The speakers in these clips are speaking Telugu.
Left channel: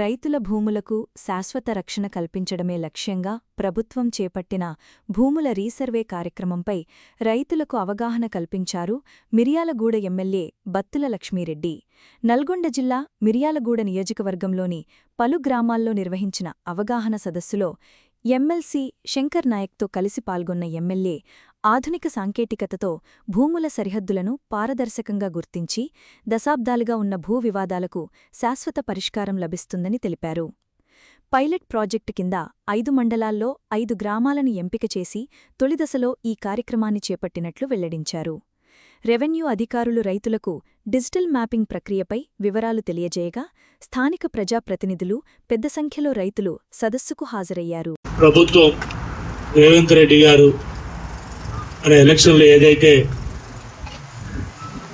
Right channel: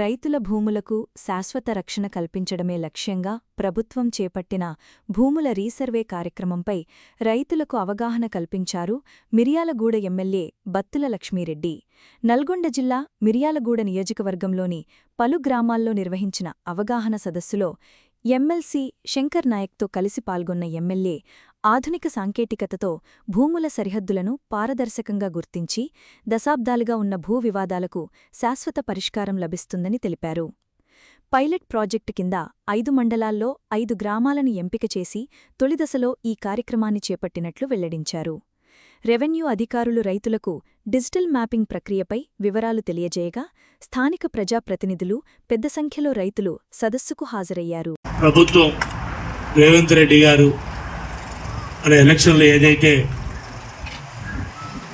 రైతుల భూములకు శాశ్వత రక్షణ కల్పించడమే లక్ష్యంగా ప్రభుత్వం చేపట్టిన భూముల రీసర్వే కార్యక్రమంపై రైతులకు అవగాహన కల్పించారు మిర్యాలగూడ ఎమ్మెల్యే బత్తుల లక్ష్మీరెడ్డి. నల్గొండ జిల్లా మిర్యాలగూడ నియోజకవర్గంలోని పలు గ్రామాల్లో నిర్వహించిన అవగాహన సదస్సులో ఎమ్మెల్సీ శంకర్ నాయక్తో కలిసి పాల్గొన్న ఎమ్మెల్యే ఆధునిక సాంకేతికతతో భూముల సరిహద్దులను పారదర్శకంగా గుర్తించి దశాబ్దాలుగా ఉన్న భూ వివాదాలకు శాశ్వత పరిష్కారం లభిస్తుందని తెలిపారు. పైలట్ ప్రాజెక్టు కింద 5 మండలాల్లో 5 గ్రామాలను ఎంపిక చేసి తొలిదశలో ఈ కార్యక్రమాన్ని చేపట్టినట్లు వెల్లడించారు. రెవెన్యూ అధికారులు రైతులకు డిజిటల్ మ్యాపింగ్ ప్రక్రియపై వివరాలు తెలియజేయగా స్థానిక ప్రజాప్రతినిధులు పెద్ద సంఖ్యలో రైతులు సదస్సుకు హాజరయ్యారు. ప్రభుత్వం రేవంత్ రెడ్డి గారు మన ఎలక్షన్లో ఏదైతే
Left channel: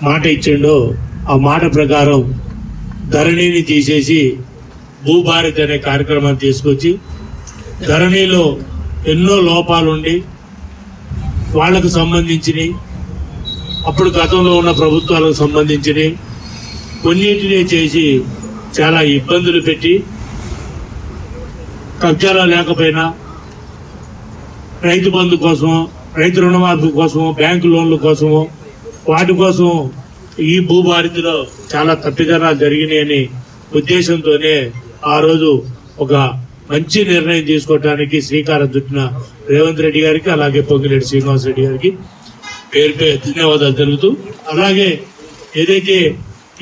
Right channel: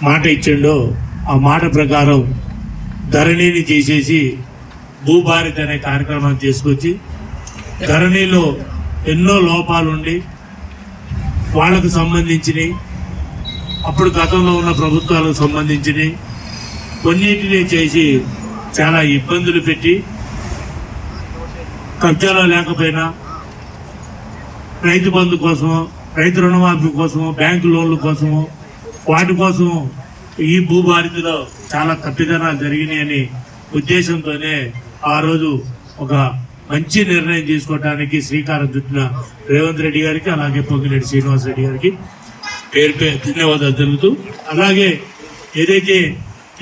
మాట ఇచ్చిండో ఆ మాట ప్రకారం ధరణిని తీసేసి భూభారత్ అనే కార్యక్రమాన్ని తీసుకొచ్చి ధరణిలో ఎన్నో లోపాలుండి వాళ్లకు సంబంధించినవి అప్పుడు గతంలో ఉన్న ప్రభుత్వాలకు సంబంధించినవి కొన్నింటినీ చేసి చాలా ఇబ్బందులు పెట్టి కబ్జాలు లేకపోయినా రైతు బంధు కోసమో రైతు రుణమాఫీ కోసమో బ్యాంకు లోన్ల కోసమో వాటి కోసం ఈ భూభారతిలో చాలా తప్పిదనాలు జరిగినాయని ఉద్దేశంతోనే ఆ రోజు ఒక మంచి నిర్ణయం తీసుకోవడానికి శ్రీకారం చుట్టిన రేవంత్ రెడ్డి గారికి అలాగే పొంగిరెడ్డి శ్రీనివాస్ రెడ్డి గారికి పేరు ధన్యవాదాలు తెలుపుతూ, అలాగే ఏదైతే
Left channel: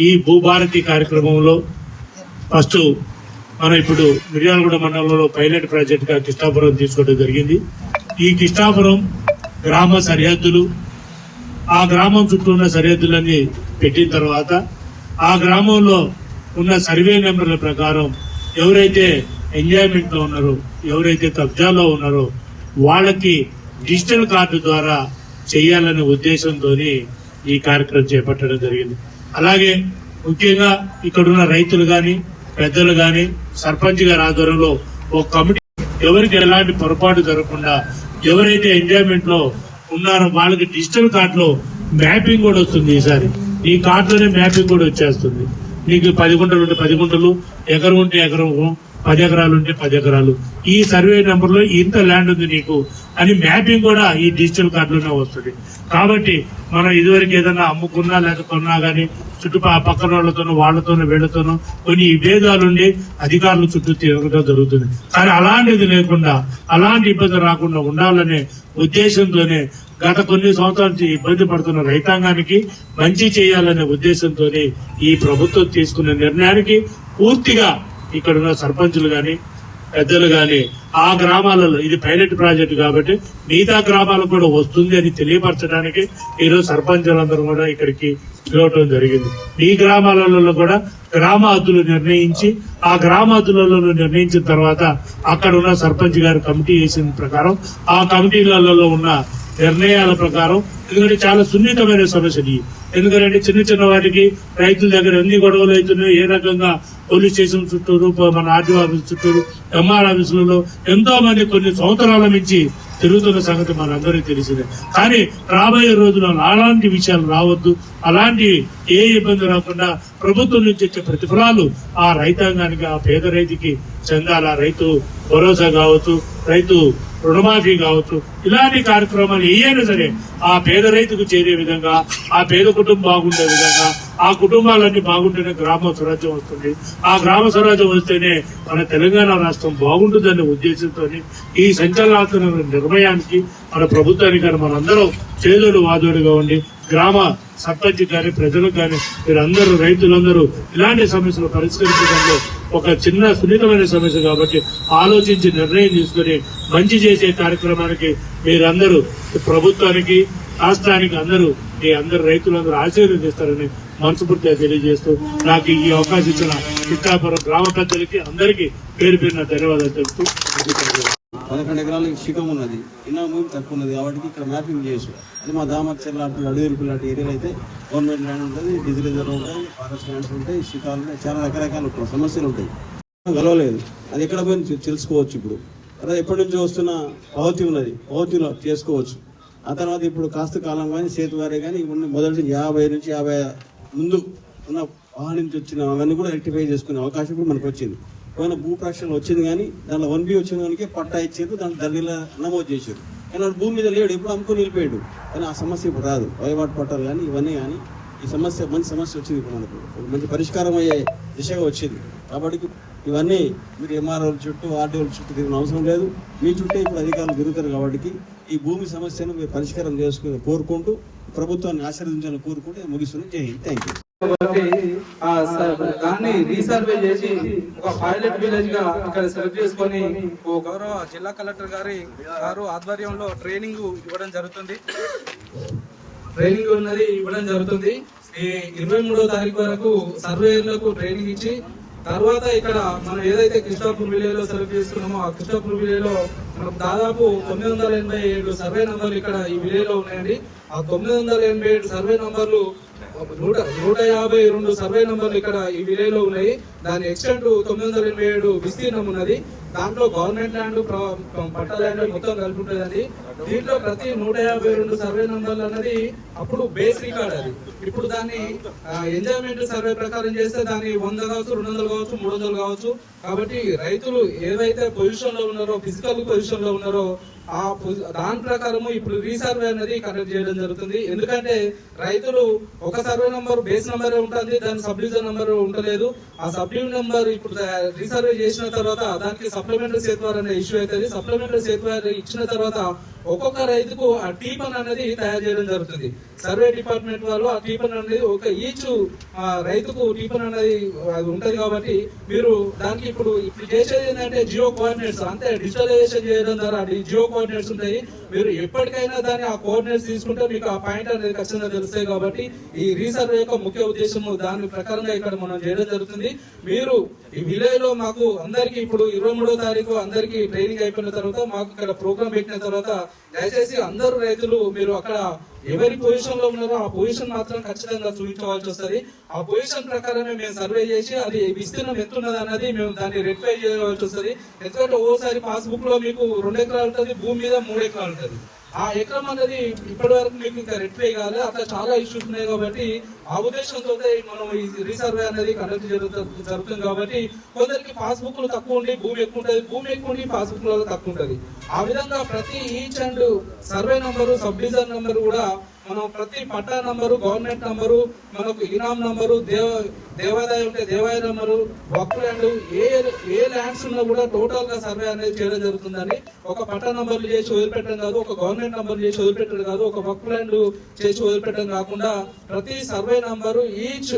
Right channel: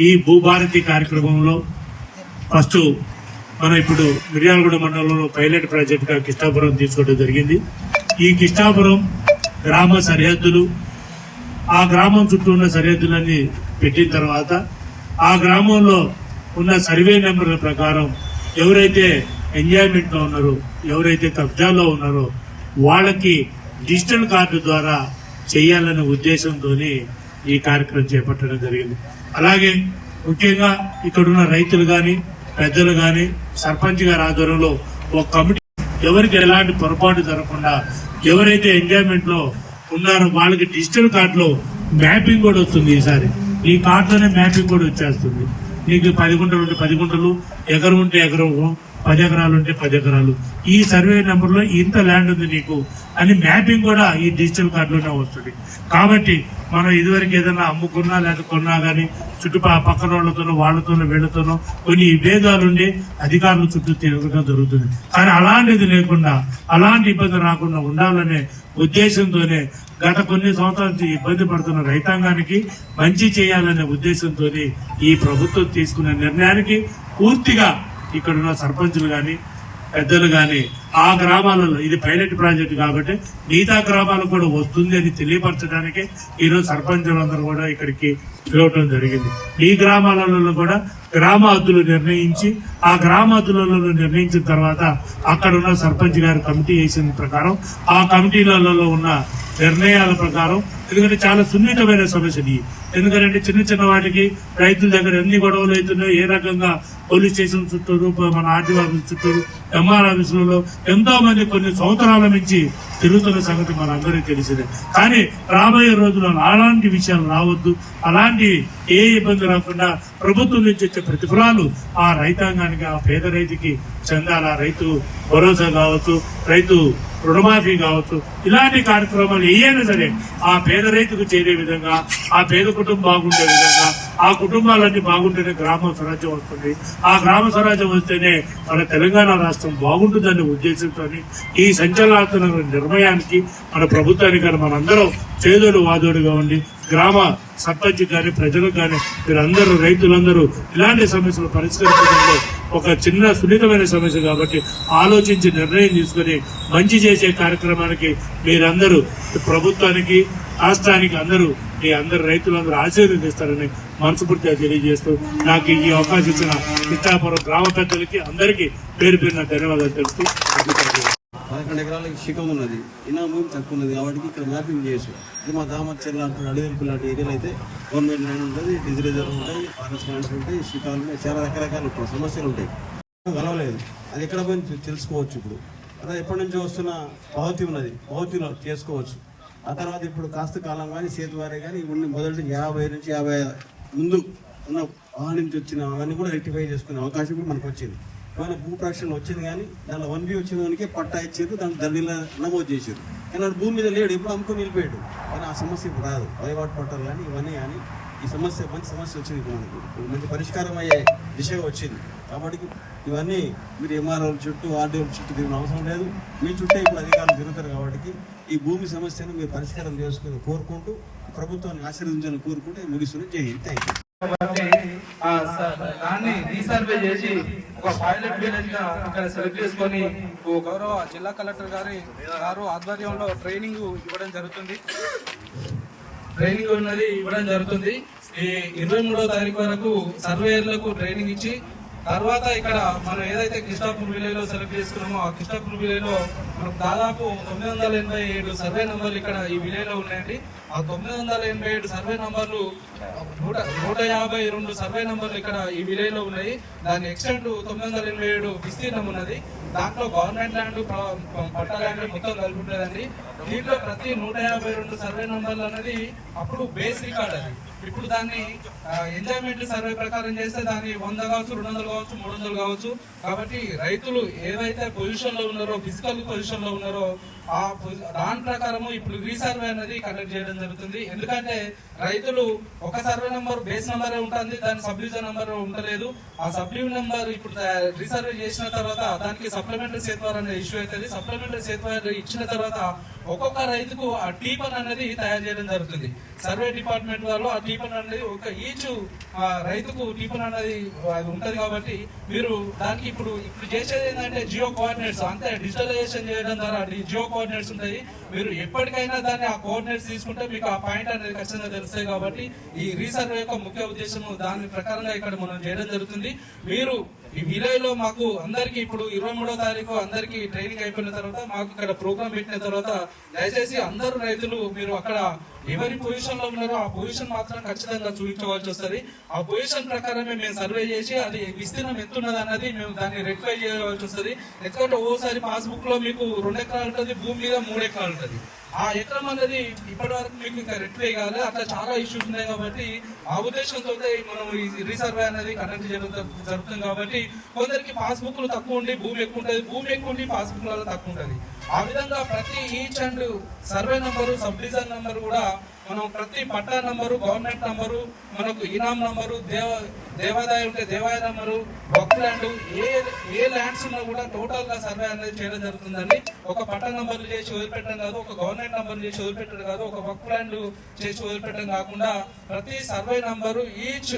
ఈ భూభారతి కార్యక్రమంలో ఫస్ట్ మనం ఇప్పుడు మిర్యాలగూడ మండలంలో పైలట్ ప్రాజెక్టుగా కిష్టాపురం తీసుకోవడం జరిగింది. ఈ కిష్టాపురం గ్రామ సరిహద్దులు, ఆ గ్రామం చుట్టూ ఉన్న సరిహద్దులన్నీ పెట్టిన తర్వాత ఆ గ్రామంలో ఉన్న సర్వే నెంబర్ల ప్రకారం ఎవరైతే ఎంజాయ్మెంట్ లో ఉన్నారో, ఎవరైతే కబ్జాలో ఉన్నారో వాళ్ళకి డిజిటల్ కార్డు ద్వారా చేయాలనే ఉద్దేశంతో ఈ కార్యక్రమం చేపట్టడం జరిగింది. అలాగే ముఖ్యంగా ఇక్కడున్న రైతులు గాని పెద్దలు గాని సర్పంచ్ గారి ఆధ్వర్యంలో ఒక కమిటీ ఎవరికి ఎలాంటి పొరపాటు జరగకుండా ఎవరైతే ఎంజాయ్మెంట్ లో ఉన్నారో వాళ్ళకి డిజిటల్ కార్డులో మ్యాపింగ్ కూడా వస్తుంది. ఈసారి ఈ కార్డులోనే మ్యాపింగ్ కూడా వచ్చేస్తుంది. నీకు 10 గుంటలు ఉంటే 10 గుంటలు, ఎకరం ఉంటే ఎకరం, 10 ఎకరాలు ఉంటే 10 ఎకరాలు, ఈ సర్వే నెంబర్ లో ఇంత ల్యాండ్ ఉంది నీకు అని మ్యాపింగ్ కూడా ఈ డిజిటల్ కార్డులోనే వస్తుంది. కాబట్టి మనం ఇదివరకు ఏదైనా అమ్ముకున్నా లేకపోయినా కానీ పక్కన వాళ్ళతోనో వాళ్ళతోనో వీళ్లతోనో కొన్ని విభేదాలుండి అధికారులు చుట్టూ తిరగడం జరుగుతుంది. కానీ అలాంటిది లేకుండా, అలాంటి ఇబ్బంది రాకుండా ఉండాలనే ఉద్దేశంతోనే గత కొన్ని సంవత్సరాల నుంచి ఇబ్బంది పడుతున్న రైతాంగానికి మంచి చేయాలనే ఉద్దేశంతోనే ఈ ప్రభుత్వం తీసుకునే నిర్ణయానికి పూర్తిగా ఇక్కడున్న సర్పంచులు గాని పెద్దలు గాని ఆ గ్రామాలలో ఇది పైలట్ ప్రాజెక్టు కాబట్టి మిగతా గ్రామాలకు కూడా వస్తుంది అని తెలియపరచడానికి ఈరోజు సర్పంచులందరూ కూడా ఇక్కడికి పిలవటం జరిగింది. ఈ గ్రామాలలో కూడా గ్రామ హద్దులు నిర్ణయించి ఆ గ్రామ హద్దులలో నిర్ణయించిన తర్వాత అక్కడ ఉన్న సర్పంచ్ గారి కమిటీ వేసిన ప్రకారం ఆ కమిటీలలో ఉన్న నిర్ణయాల ప్రకారం, ఎందుకంటే చాలా సున్నితమైన సమస్యలు. ఎందుకంటే చిన్న వాటికి రైతుల దగ్గర ఎన్ని గొడవలు అవుతున్నాయో, ఏ రకంగా పోలీస్ స్టేషన్ చుట్టూరు, మన ఆర్టీఓ ఆఫీస్ చుట్టూరు, ఎంఆర్ ఆఫీసులలో ఎంతో మంది కొన్ని సంవత్సరాల నుంచి తిరుగుతున్న సంగతి మనందరికీ తెలిసిందే. కానీ రాబోయే రోజులలో అలాంటి విషయాలు రావద్దు, అలాంటి ఏ ఇబ్బంది రాకుండా ప్రభుత్వం నుంచి వచ్చే ప్రతిఫలాలు ఆ రైతాంగానికి, ఆ పేద రైతుకి చెందాల. రైతు భరోసా కావచ్చు, రైతు రుణమాఫీ కావచ్చు, ఇలాంటి కార్యక్రమాలు ఏదైనా సరే ఆ పేద రైతుకు చేరే విధంగా, ఆ పేద కుటుంబం బాగుండే విధంగా, ఆ కుటుంబాలన్నీ బాగుంటేనే గ్రామ స్వరాజ్యం వస్తుంది. ఆ గ్రామ స్వరాజ్యం వస్తేనే మన తెలంగాణ రాష్ట్రం బాగుంటుందనే ఉద్దేశంతో ఈ సంచలనాత్మక నిర్ణయానికి మన ప్రభుత్వానికి కానీ మనందరం చేదోడు వాదోడుగా ఉండి గ్రామ సర్పంచ్ కానీ ప్రజలకు కానీ మీరందరూ రైతులందరూ ఇలాంటి సమస్యలు పరిష్కరించడంలో ఒక చిన్న సున్నితమైన సమస్య కాబట్టి ఆలోచించి నిర్ణయం తీసుకుని మంచి చేసే కార్యక్రమానికి మీరందరూ ప్రభుత్వానికి రాష్ట్రానికి మీ అందరూ రైతులందరూ ఆశీర్వదిస్తారని మనస్ఫూర్తిగా తెలియజేస్తూ నాకు ఈ అవకాశం ఇచ్చిన పిఠాపురం గ్రామ పెద్దలకి అందరికీ పేరు పేరున ధన్యవాదాలు తెలుపుతూ 11 ఎకరాలకి శిఖం ఉన్నది, ఇన్నో భూమి తక్కువ ఉన్నది కాబట్టి ఇక్కడ మ్యాపింగ్ చేసు. ఇది మా దామర్చల్ లాంటి అడవిలకు లాంటి ఏరియాలో అయితే గవర్నమెంట్ ల్యాండ్ ఉంటుంది, డిజి రిజర్వ్ ఉంటాయి, ఫారెస్ట్ ల్యాండ్స్ ఉంటాయి, శిఖాలు ఉంటాయి, చాలా రకరకాల సమస్యలు ఉంటాయి. కలవలేదు, అది ఎక్కడ పోయి తెలుసుకోవచ్చు. ఇప్పుడు అదే ఎప్పటి నుంచో వస్తున్న పవతి ఉన్నది, పవతిలో చేసుకోవచ్చు. ఆ తర్వాత ఇప్పుడు కాస్త కాలం కానీ చేతివారే కానీ మొదటి 50 నుంచి 50 ముందు ఉన్న వాహనం నుంచి వచ్చిన అవన్నీ కూడా రెక్టిఫై చేసుకునే అవకాశం కూడా మనకు వచ్చింది. పోయిన భూ ప్రక్షణ వచ్చింది కానీ దానిలో 1B వచ్చిన వానికి పట్టా ఇచ్చారు, దాని దండిలో నమోదు చేశారు. కానీ వాడు భూమి మీద లేడు, ఇప్పుడు అమ్ముకుని నిలిపాడు. కానీ ఆ సమస్య ఇప్పుడు రాదు. వయవాటు పట్టాలు కానీ ఇవన్నీ కానీ ఈ సమస్య మంచి సమస్య వచ్చింది. ఇప్పుడు మనకు మంచి పరిష్కారం అయ్యే దిశగా వచ్చింది. కాబట్టి ఇవన్నీ మీరు ఎంఆర్ఓల చుట్టూ ఆర్డీఓల చుట్టూ తిరిగిన అవసరం లేదు. మీ చుట్టూ ఇప్పుడు అధికారులు తిరుగుతారు. కాబట్టి ఈ భూమి సమస్యను మీరు పరిష్కారం చేసుకుని కోరుకుంటూ ప్రభుత్వాన్ని ఆశీర్వదించాలని కోరుకుంటూ ముగిస్తున్నాను. జై హింద్. Thank you. దాన్ని రీసర్వే చేసి ఒక పైలట్ విలేజ్ గా ఇక్కడ సెలెక్ట్ చేసుకొని గౌరవ జిల్లా కలెక్టర్ గారు ఆధ్వర్యంలో ట్రైనింగ్ ఇవ్వడం జరుగుతుంది. ఈ 23వ తారీఖు వరకు సర్వేయర్లకు ట్రైనింగ్ ఇచ్చి తర్వాత ఇక్కడ మనం ఏదైతే కృష్ణాపూర్ విలేజ్ లో సెలెక్ట్ చేసుకున్నామో ఆ కృష్ణాపూర్ విలేజ్ లో మనకు దాదాపు 987 సర్వే నంబర్లు ఇక్కడ ఈ విలేజ్ లో ఉన్నాయండి. ఆ 987 సర్వే నంబర్లు 152 సర్వే నంబర్లు ఇక్కడ ఈ విలేజ్ లో ఉన్నాయి. దాని ఎక్స్టెంట్ 987 విస్తీర్ణం ఉన్నది. దాంట్లో గవర్నమెంట్ ల్యాండ్, పట్ట ల్యాండ్ మొత్తం కలిపి ఉంటుందండి. దీంట్లో ప్రతి 152 సర్వే నంబర్లు అన్నది అప్పుడు బేస్ రికార్డ్. అది ఇప్పుడు దాన్ని ఎంజాయ్మెంట్ సర్వే ప్రకారం చేస్తే దాన్ని 100 కావచ్చు, 200 కావచ్చు, 300 కావచ్చు. కాబట్టి రైతులు ఏవైతే పొజిషన్ లో ఉన్నారో, ఫిజికల్ పొజిషన్ లో ఉన్నారో దాని ప్రకారం ఇప్పుడు రీసర్వే అనేది కండక్ట్ చేయడం జరుగుతుంది. ఎందుకంటే రైతులు ఒక సర్వే నంబర్ బేస్ నంబర్ ఉంటుంది, దాని సబ్ డివిజన్ నంబర్ ఉండలేదు. ఆ సబ్ డివిజన్ నంబర్ ఇప్పుడు రీసర్వే చేసిన తర్వాత దానికి సప్లిమెంటరీ సేత్వార్ అనే ఇష్యూ అవుతుంది. సప్లిమెంటరీ సేత్వార్ ఇచ్చిన తర్వాత ఒక్కొక్క రైతుకు ఆ టీపన్ అనేది తయారు చేయడం జరుగుతుంది. సర్వే డిపార్ట్మెంట్ వాళ్ళు ఆ టీపన్ అనేది ఒక ఈచ్ రైతుకు టీపన్ అనేది ఉంటది. కాబట్టి మీరు దానికి ఇప్పుడు చేసేది ఏంటంటే జియో కోఆర్డినేట్స్, అంతే డిజిటలైజేషన్ చేయడం ద్వారా జియో కోఆర్డినేట్స్ ఉంటాయి. మీరు ఎప్పటికైనా దాన్ని ఆ కోఆర్డినేట్స్ తీసుకుంటే మీకు ఆ పాయింట్ అనేది ఖచ్చితంగా తెలుస్తాయి. కాబట్టి ఈ రీసర్వే యొక్క ముఖ్య ఉద్దేశం దాని ప్రకారంగా ఇక్కడ మనం చేయడం జరుగుతుంది. మీరు ఈ విలేజ్ లో మాకు అందరికి ఇప్పుడు 23వ తారీఖు అందరికి ట్రైనింగ్ అయిపోయిన తర్వాత మాకు ఇక్కడ ప్రోగ్రామ్ పెట్టిన తర్వాత దయచేసి అందరూ రైతులు మీరు అక్కడ ఎవరి పొజిషన్ లో ఉన్నారో ఆ పొజిషన్ మాత్రం ఖచ్చితంగా చూపించవలసి వస్తుంది. ఆ పొజిషన్ ప్రకారమే మేము సర్వే చేసి అది విస్తీర్ణం ఎంత ఉన్నది అనేది మేము దాన్ని రెక్టిఫై చేయవలసి వస్తుంది. ఎందుకంటే ఓసారి పాస్బుక్ లో మీకు 2 ఎకరాలు ఉంటుంది, భూమి మీద 3 ఎకరాలు ఉంటుంది. ఆ ఎకరం అనేది ఇప్పటి వరకు మీకు ఇంకా రెక్టిఫై కావాలి. అట్లా చాలా ఇష్యూస్ ఉన్నాయి. కాబట్టి ఆ ఉద్దేశంతో మనం ఈ రీసర్వే అనేది కండక్ట్ జరుగుతుంది. కాబట్టి కొందరికి పాస్బుక్లు తక్కువ ఉండి భూమి ఎక్కువ ఉంటుంది, భూమి ఎక్కువ ఉండి పాస్బుక్ లో తక్కువ ఉంటుంది. ఆ విధంగా ప్రతి each and survey number, sub division number కూడా మనం ప్రతి పట్టా నంబరు, గవర్నమెంట్ నంబరు, మనకు ఇనాం నంబరు, దేవాదాయం ఉంటే దేవాదాయ నంబరు, వక్ ల్యాండ్, ఏ ల్యాండ్స్ ఉన్నా కూడా టోటల్ గా సర్వే అనేది చేయడం జరుగుతుందండి. ఒక పట్టా నంబర్లు చేసి వదిలిపెట్టడం కాదు, ఒక గవర్నమెంట్ నంబర్ చేసి వదిలిపెట్టడం కాదు, ఒక వక్ ల్యాండ్ చేసి వదిలిపెట్టడం కాకుండా ప్రతి సర్వే నంబరు ఈచ్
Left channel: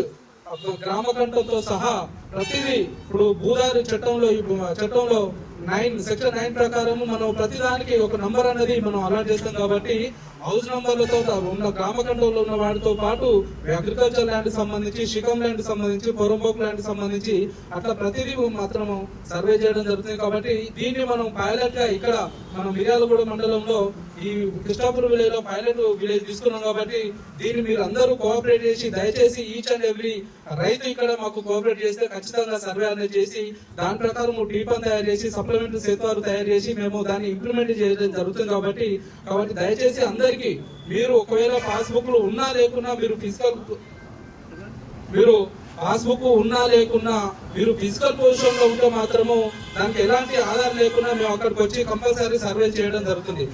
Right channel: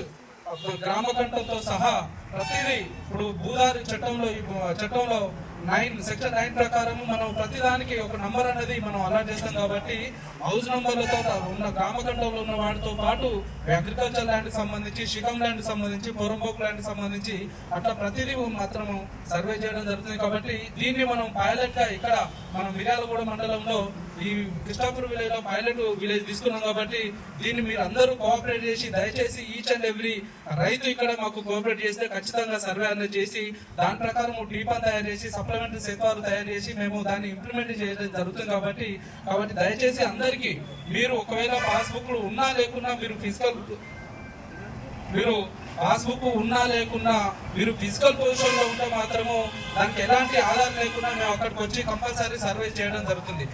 గ్రామ కంఠంతో సహా ప్రతిదీ ఇప్పుడు భూదారి చట్టంలో సెక్షన్ 9 ప్రకారం మనం ప్రతిదానికి ఒక నంబర్ అనేది మనం అలాట్ చేస్తాం. కాబట్టి హౌస్ నంబర్లతో ఉన్న గ్రామఖండంలో ఉన్న వాటితో పాటు అగ్రికల్చర్ ల్యాండ్ సంబంధించి, షికం ల్యాండ్ సంబంధించి, పొరంబోక్ ల్యాండ్ సంబంధించి అట్లా ప్రతిదీ మాత్రం సర్వే చేయడం జరుగుతుంది. కాబట్టి దీన్ని మనం పైలట్ గా ఇక్కడ మనం మిర్యాలగూడ మండలంలో ఈ కృష్ణాపూర్ విలేజ్ లో పైలట్ విలేజ్ తీసుకున్నాం. కాబట్టి దీన్ని మీరు అందరూ కోఆపరేట్ చేసి దయచేసి ఈచ్ అండ్ ఎవ్రీ రైతు ఇక్కడ మాకు కోఆపరేట్ చేస్తే ఖచ్చితంగా సర్వే అనేది చేసి దాని ప్రకారం టీపన్ తయారు చేసి సప్లిమెంటరీ సేత్వారు తయారు చేసి మేము దాన్ని ఇంప్లిమెంట్ చేయడం జరుగుతుంది. కాబట్టి దయచేసి అందరికీ మీరు ఒకవేళ పాస్బుక్లు ఉన్నా లేకున్నా మీరు పాస్బుక్ ఉన్నా లేకున్నా మీరు ఫిజికల్ పొజిషన్ లో ఉంటే మాత్రము దానికి ఎలాంటి ఆధారం లేకుండా మేము అక్కడికి వచ్చి కంపల్సరీ సర్వే చేయడం జరుగుతుంది.